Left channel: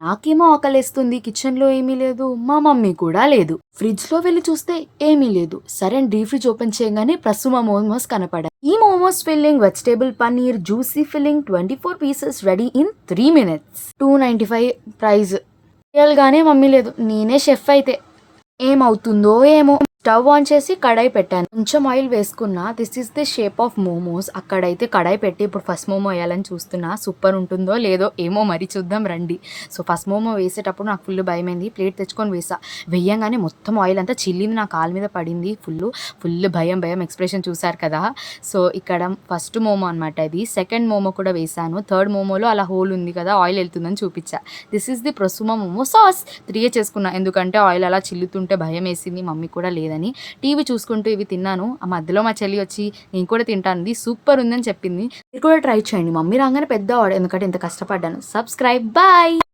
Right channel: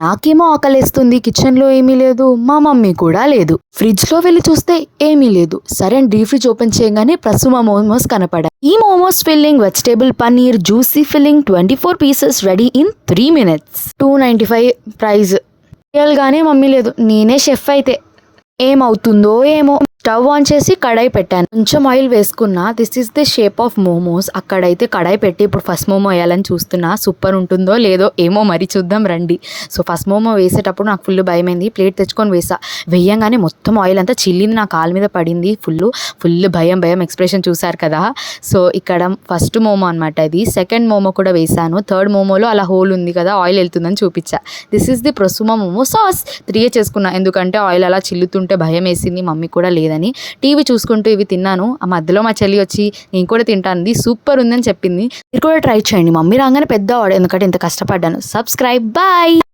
నాకేమో ఆకలేస్తుంది. కిచెన్‌లో ఏమీ లేదు. మా మమ్మీ కూడా లేదు. ఫ్రిడ్జ్‌లో వెళ్లి చూస్తే ఏమీ లేదు. సరే అని డీప్ ఫ్రిడ్జ్ ఓపెన్ చేయంగానే ప్రసుమ మోమోస్ కనపడాయి. ఈ momos filling vegetable paneer juicy filling 24 pieces ready in 3 minutes. 295 price. Real గానే మమ్మీ లేదు. నేనే షెఫ్ అయితే ఏమవుతుందో ఏమో. స్టవ్ ఆన్ చేసి కడాయి పెట్టాను. కొంచెం ఆయిల్ వేసుకున్నా. This is the shape of momos. అక్కడైతే కడాయి పెట్టి ఇప్పుడు ఫస్ట్ మోమో వేయాలని చూస్తున్నా. సూపర్ ఉంటుందో లేదో ఏమో మరి చూద్దాం రండి. సో ఫస్ట్ మోమో వేసేటప్పుడు నాకు ఫుల్ భయమైంది. ప్లేట్ తెచ్చుకొని వేసా. వేయంగానే మొత్తం ఆయిల్ అంతా చిల్లింది, నా కాలు మీద పడింది. ఫుల్ భయం ఎక్స్ప్రెషన్ చూసారు కదా. సో ఇక్కడ ఫస్ట్ మోమో అనమాట ఇది. సెకండ్ మోమో కూడా వేసాను. థర్డ్ మోమోలో అలా హోల్ ఉంది కదా, ఆయిల్ వెళ్తుందని చూపించా. దిస్ ఈస్ ది ప్రసుమ మోమో సాస్. 3 చేసుకున్నా, ఎందుకంటే ఆయిల్ అలా చిల్లుతుంటే భయం వేసింది. మమ్మీ కూడా లేదని టీవీ చూసుకుంటూ ఇవి తిన్నాను. ఆ మధ్యలో మా చెల్లి వచ్చి నేను కూడా తింటాను, సూపర్ ఉందని చెప్పింది. మీరు కూడా ట్రై చేయండి. మమ్మీ రాగానే పెద్ద ఆర్డర్, ఎందుకంటే ఇంత కష్టపడ్డాను. Subscribe, bye.